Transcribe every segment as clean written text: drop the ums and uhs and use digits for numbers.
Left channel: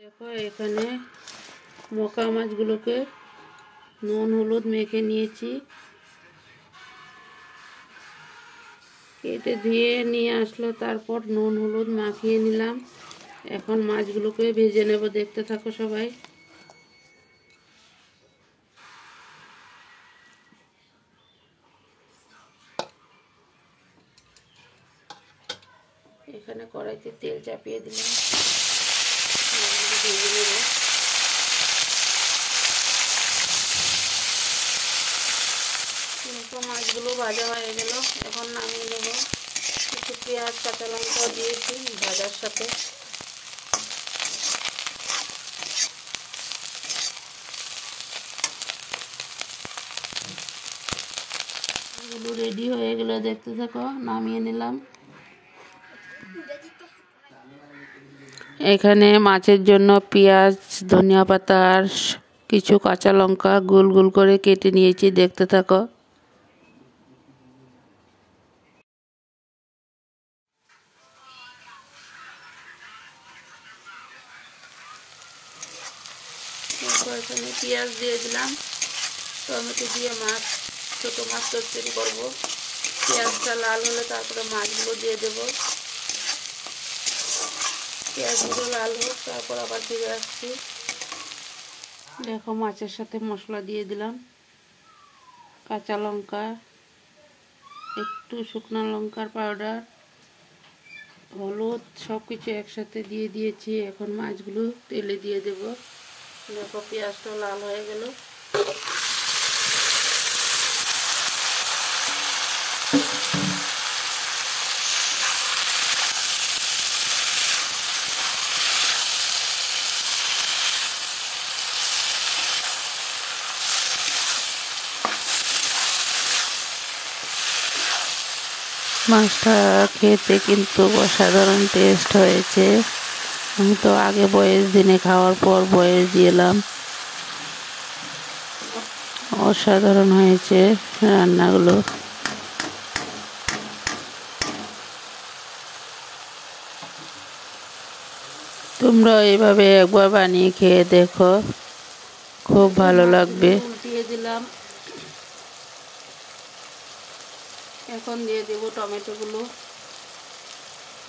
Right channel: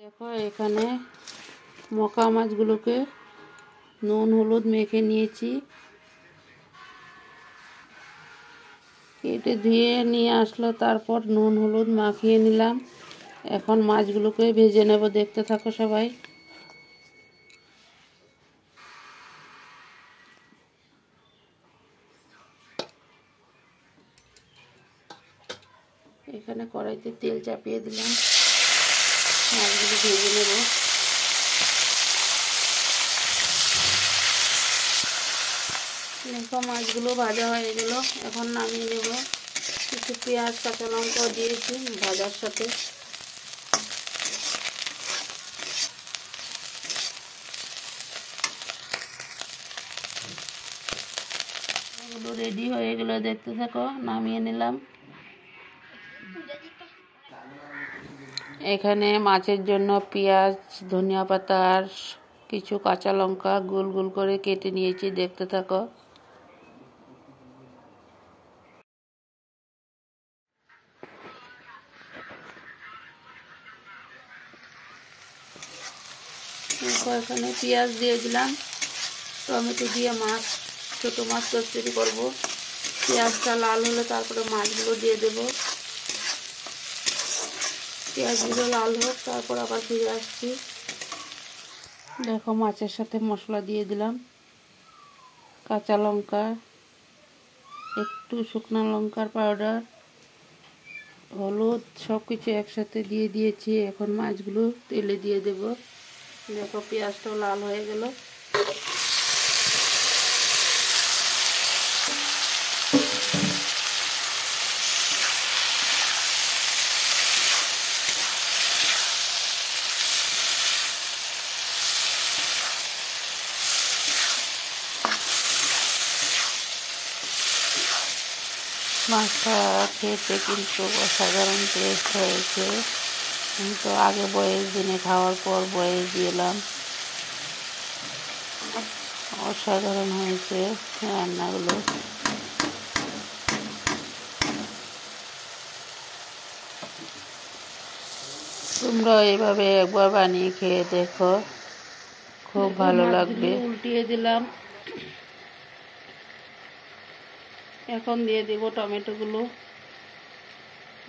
দেখো এখানে মকা মাছগুলোকে নুন হলুদ মেখে নিয়েছি, কেটে ধুয়ে নিয়ে আসলো, তারপর নুন হলুদ মাখিয়ে নিলাম। এখন মাছগুলোকে ভেজে নেব, দেখতে থাকো সবাই। এখানে কড়াইতে তেল চাপিয়ে দিলাম, মাছগুলো ভেজে নেব। মাছগুলো ভাজা হয়ে গেল, এখন নামিয়ে নেব। কিছু পেঁয়াজ কাঁচা লঙ্কা দিয়েছি ভাজার সাথে। এগুলো রেডি হয়ে গেল, দেখতে থাকো। নামিয়ে নিলাম। এখানে মাছের জন্য পেঁয়াজ, ধনিয়া পাতা আর কিছু কাঁচা লঙ্কা গোল গোল করে কেটে নিয়েছি, দেখতে থাকো। এখানে পেঁয়াজ দিয়ে দিলাম, টমেটো দিয়ে ছোটো মাছ তরকারি করবো। পেঁয়াজটা লাল হলে তারপরে মাছগুলো দিয়ে দেবো। পেঁয়াজগুলো লাল হোক, তারপর আবার ফিরে আসছি। দেখো মাছের সাথে মশলা দিয়ে দিলাম, কাঁচা লঙ্কা, একটু শুকনো লঙ্কার পাউডার, হলুদ, সব কিছু একসাথে দিয়ে দিয়েছি। এখন মাছগুলো তেলে দিয়ে দেব। দেখো পেঁয়াজটা লাল হয়ে গেল। মাছটা খেতে কিন্তু অসাধারণ টেস্ট হয়েছে। আমি তো আগে বয়েস দিনে খাওয়ার পর বয়েস দিলাম। অসাধারণ হয়েছে রান্নাগুলো। তোমরা এইভাবে একবার বানিয়ে খেয়ে দেখো, খুব ভালো লাগবে। উল্টিয়ে দিলাম। এখন দিয়ে দেব টমেটোগুলো,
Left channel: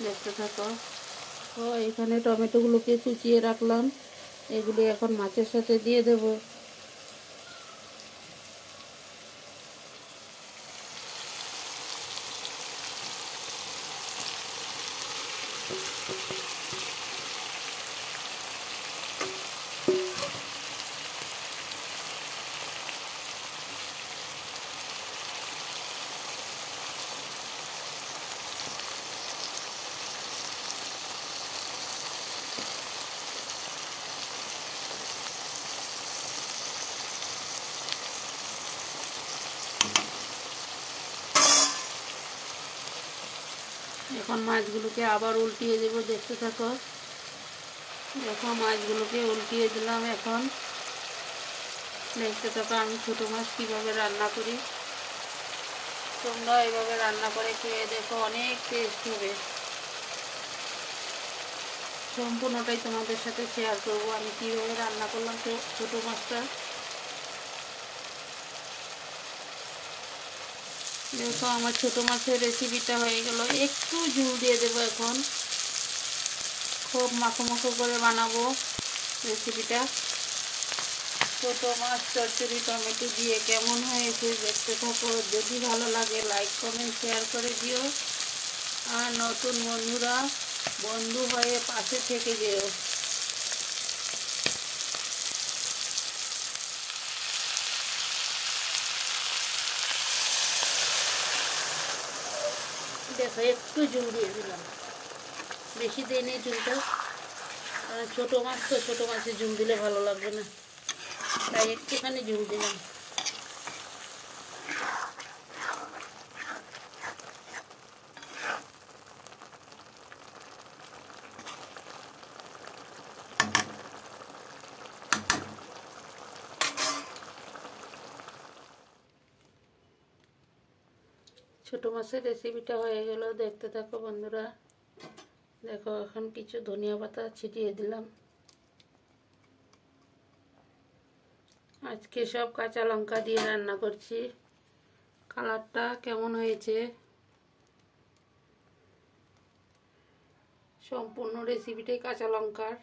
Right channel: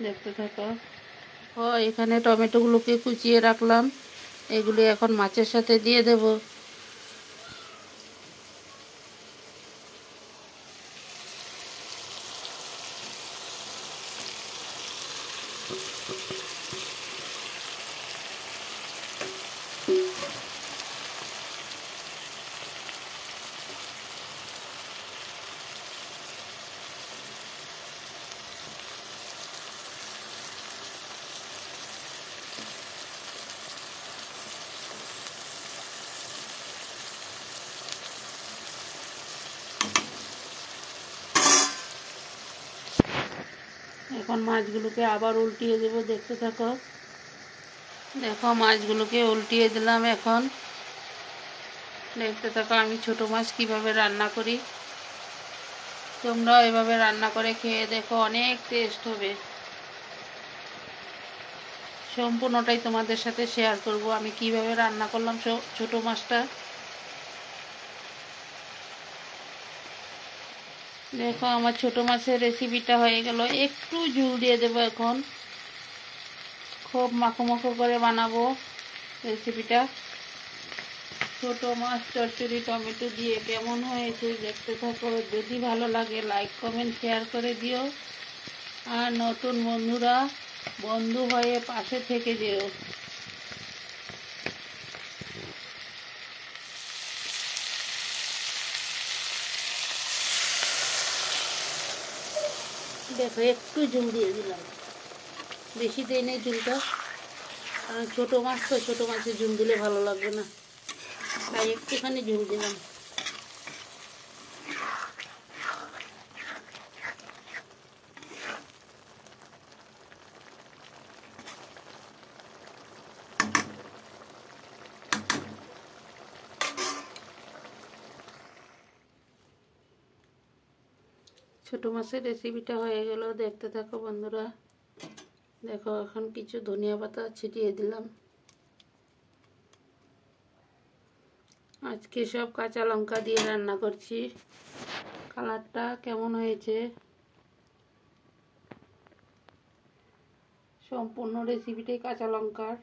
দেখতে থাকো। এখানে টমেটোগুলোকে কুচিয়ে রাখলাম, এগুলি এখন মাছের সাথে দিয়ে দেব। এখন মাছগুলোকে আবার উল্টিয়ে দেব, দেখতে থাকো। দেখো মাছগুলোকে উল্টিয়ে দিলাম, এখন দেখতে থাকো আমি ছোটো মাছ কীভাবে রান্না করি। তোমরা এভাবে রান্না করে খেয়ে দেখো, অনেক টেস্ট হবে। সম্পূর্ণটাই তোমাদের সাথে শেয়ার করব আমি কিভাবে রান্না করলাম ছোটো মাছটা। দেখো আমার ছোটো মাছের রেসিপিটা হয়ে গেল। একটু ঝোল দিয়ে দেবো এখন, খুব মাখো মাখো করে বানাবো রেসিপিটা। ছোটো মাছ তরকারি টমেটো দিয়ে কেমন হয়েছে দেখতে থাকো। যদি ভালো লাগে লাইক কমেন্ট শেয়ার করে দিও, আর নতুন বন্ধুরা বন্ধু হয়ে পাশে থেকে যেও। দেখো একটু ঝোল দিয়ে দিলাম, বেশি দিয়ে নেই ঝোলটা। ছোটো মাছ তো, ছোটো মাছের ঝোল দিলে ভালো লাগবে না, তাই একটুখানি ঝোল দিলাম। ছোটো মাছের রেসিপিটা হয়ে গেল, দেখতে থাকো বন্ধুরা। দেখো এখন কিছু ধনিয়া পাতা ছিটিয়ে দিলাম। আজকে সব কাঁচা লঙ্কা দিয়ে রান্না করছি। কালারটা কেমন হয়েছে, সম্পূর্ণ রেসিপিটাই কাঁচা লঙ্কার।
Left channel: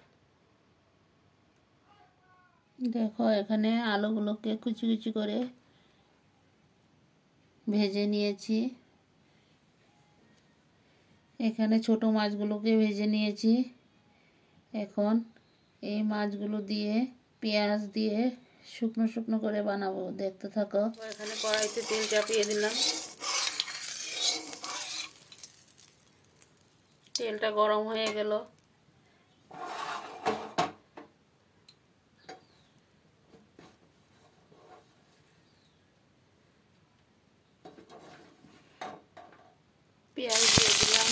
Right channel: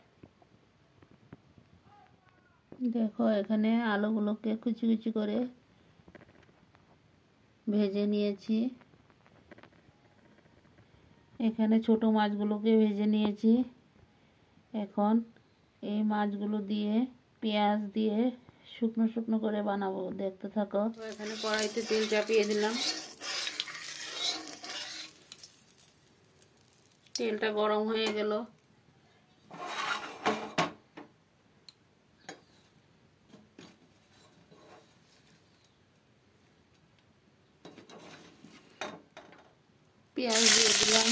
দেখো এখানে আলুগুলোকে কুচি কুচি করে ভেজে নিয়েছি। এখানে ছোট মাছগুলোকে ভেজে নিয়েছি। এখন এই মাছগুলো দিয়ে পেঁয়াজ দিয়ে শুকনো শুকনো করে বানাবো, দেখতে থাকো। এখানে কড়াইতে তেল চাপিয়ে দিলাম, তেলটা গরম হয়ে গেল। পেঁয়াজ দিয়ে দিলাম,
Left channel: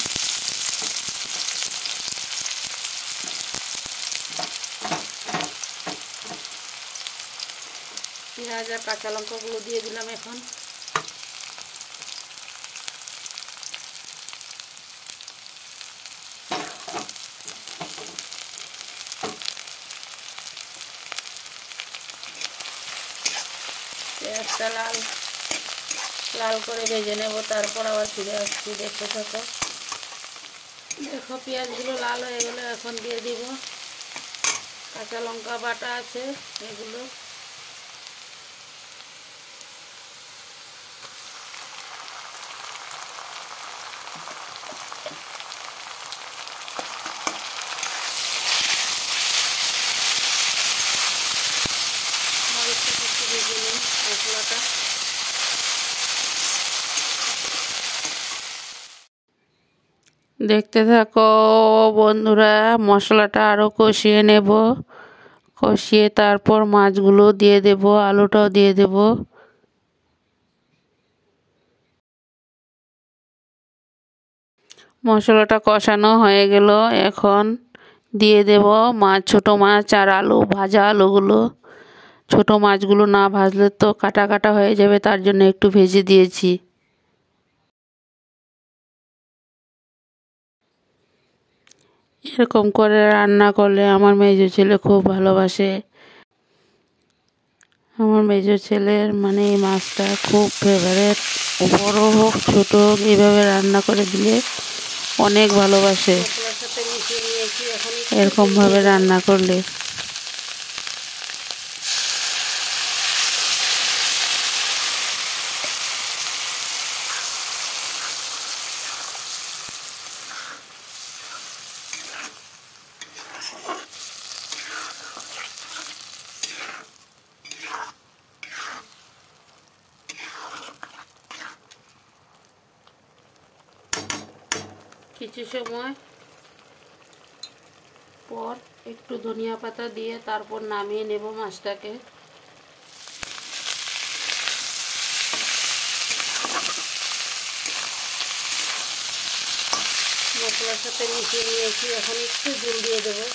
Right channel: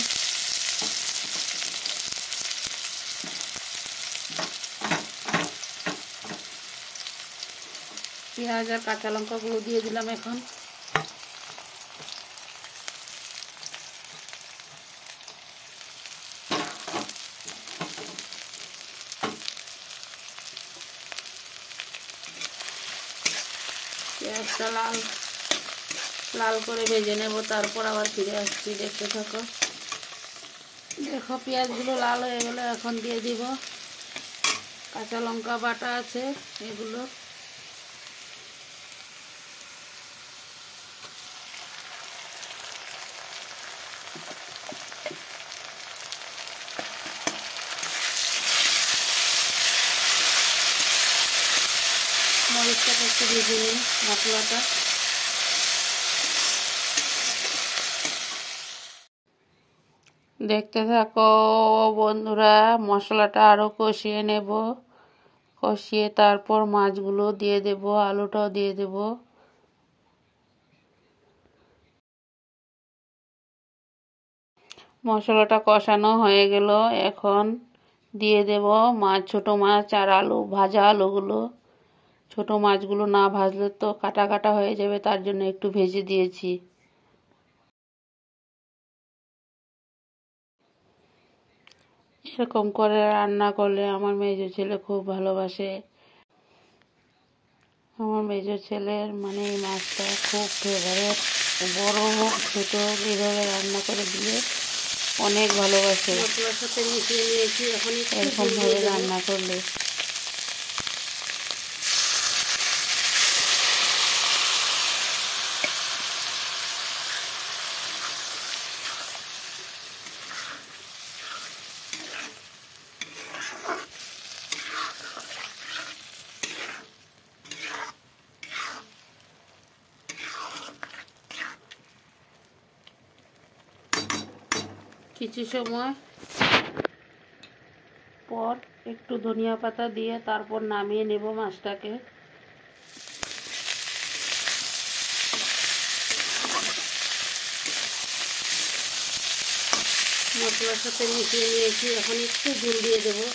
পেঁয়াজ আর কাঁচা লঙ্কাগুলো দিয়ে দিলাম। এখন পেঁয়াজটা লাল লাল করে ভেজে নেব, তারপর আবার ফিরে আসছি, দেখতে থাকো। দেখো পেঁয়াজগুলো লাল হয়ে গেলে এখন দিয়ে দিব কাঁচা লঙ্কা বাটা আছে এগুলো। মরিচটা একটু ভেজে নিই, মশলাটা। দেখতে থাকো বন্ধুরা, মশলাটা আরও কষিয়ে নেব। কষিয়ে তারপর মাছগুলো দিয়ে দেব, আলুটাও দিয়ে দেব। মশলাটা কষানো হয়ে গেল, এখন দিয়ে দেব মাছ, ছোট মাছ আর আলু, ভাজা আলুগুলো। ছোট মাছগুলো না ভাজলে তো কাটা কাটা হয়ে যাবে, তার জন্য একটু ভেজে দিয়েছি। এরকম করে রান্না করলে আমার মেজো ছেলে খুব ভালোবাসে। আমার মেজো ছেলের মানে এই মাছটা খুব ফেভারেট। বড় হোক ছোট হোক, এইভাবে রান্না করে দিলে অনেক ভালোবাসে এরকমভাবে রান্না করলে। কিছু সময় পর একটু ধনিয়া পাতা দিয়ে তারপর নামিয়ে নেব মাছটাকে। মশলার সাথে মিশিয়ে নিয়েছি, এখন একটু ঝোল দিয়ে দেবো।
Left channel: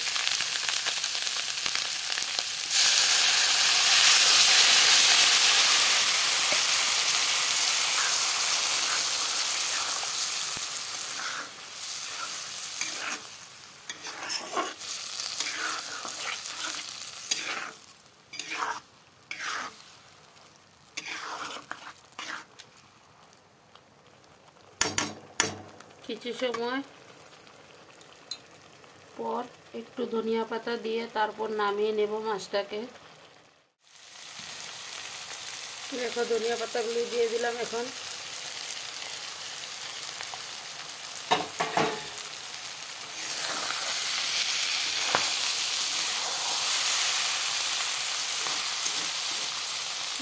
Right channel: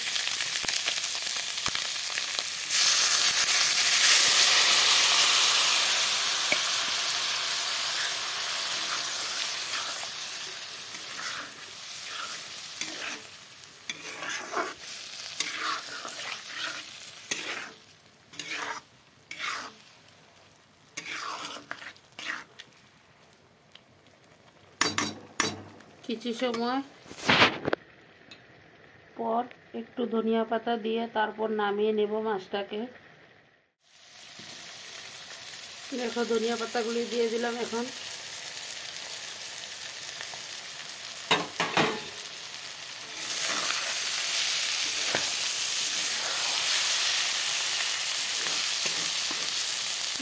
কিছু সময় পর একটু ধনিয়া পাতা দিয়ে তারপর নামিয়ে নেব মাছটাকে। দেখো ধনিয়া পাতাগুলি দিয়ে দিলাম। এখন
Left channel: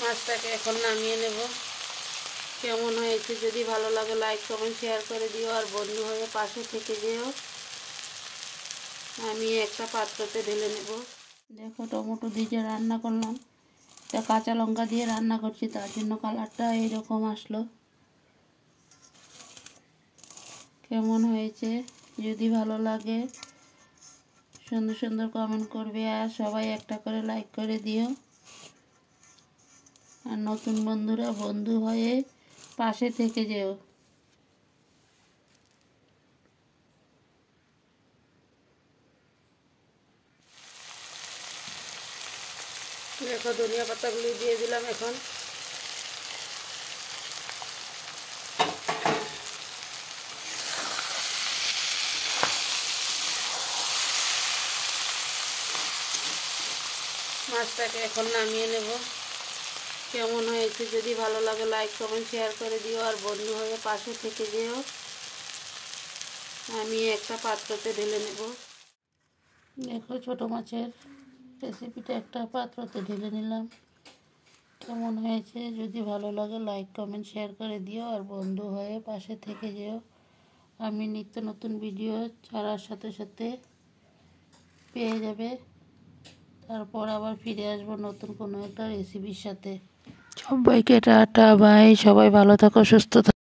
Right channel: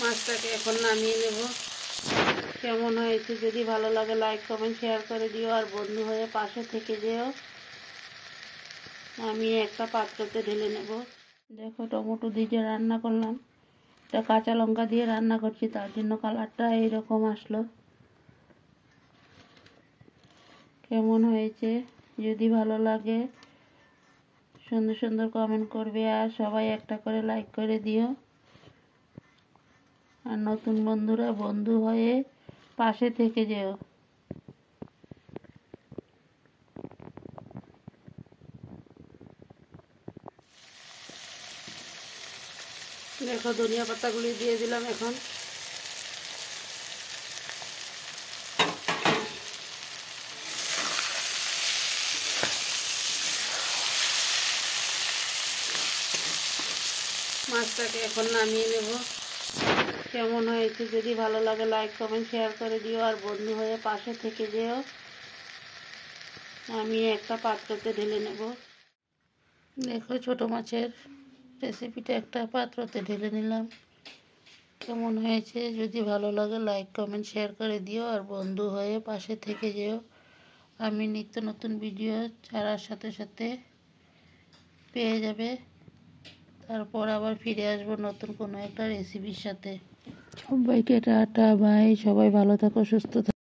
মাছটাকে এখন নামিয়ে নেব। কেমন হয়েছে যদি ভালো লাগে লাইক কমেন্ট শেয়ার করে দিও, আর বন্ধু হয়ে পাশে থেকে যেও। আমি একটা পাত্রতে ঢেলে নেব। দেখো টমেটো দিয়ে রান্না করলাম, এটা কাঁচা লঙ্কা দিয়ে রান্না করছি, তার জন্য কালারটা এইরকম আসলো। কেমন হয়েছে যদি ভালো লাগে সুন্দর সুন্দর কমেন্ট করবে, আর সবাই একটা করে লাইক করে দিও। আর নতুন বন্ধুরা বন্ধু হয়ে পাশে থেকে যেও। দেখো ধনিয়া পাতাগুলি দিয়ে দিলাম এখন। মাছটাকে এখন নামিয়ে নেব। কেমন হয়েছে যদি ভালো লাগে লাইক কমেন্ট শেয়ার করে দিও, আর বন্ধু হয়ে পাশে থেকে যেও। আমি একটা পাত্রতে ঢেলে নেব। দেখো ছোট মাছের রেসিপিটা একটা পাত্রতে ঢেলে নিলাম। কেমন হয়েছে যদি ভালো লাগে লাইক কমেন্ট শেয়ার করে দিও, আর বন্ধু হয়ে পাশে থেকে যেও। আমি নিত্য নতুন ভিডিও ছাড়ার সাথে সাথে পেয়ে যাবে। তারপর আবার ফিরে আসবো নতুন কোনো একটা রেসিপির সাথে। সবাইকে টাটা বাই। সবাই ভালো থাকো, সুস্থ থাকো।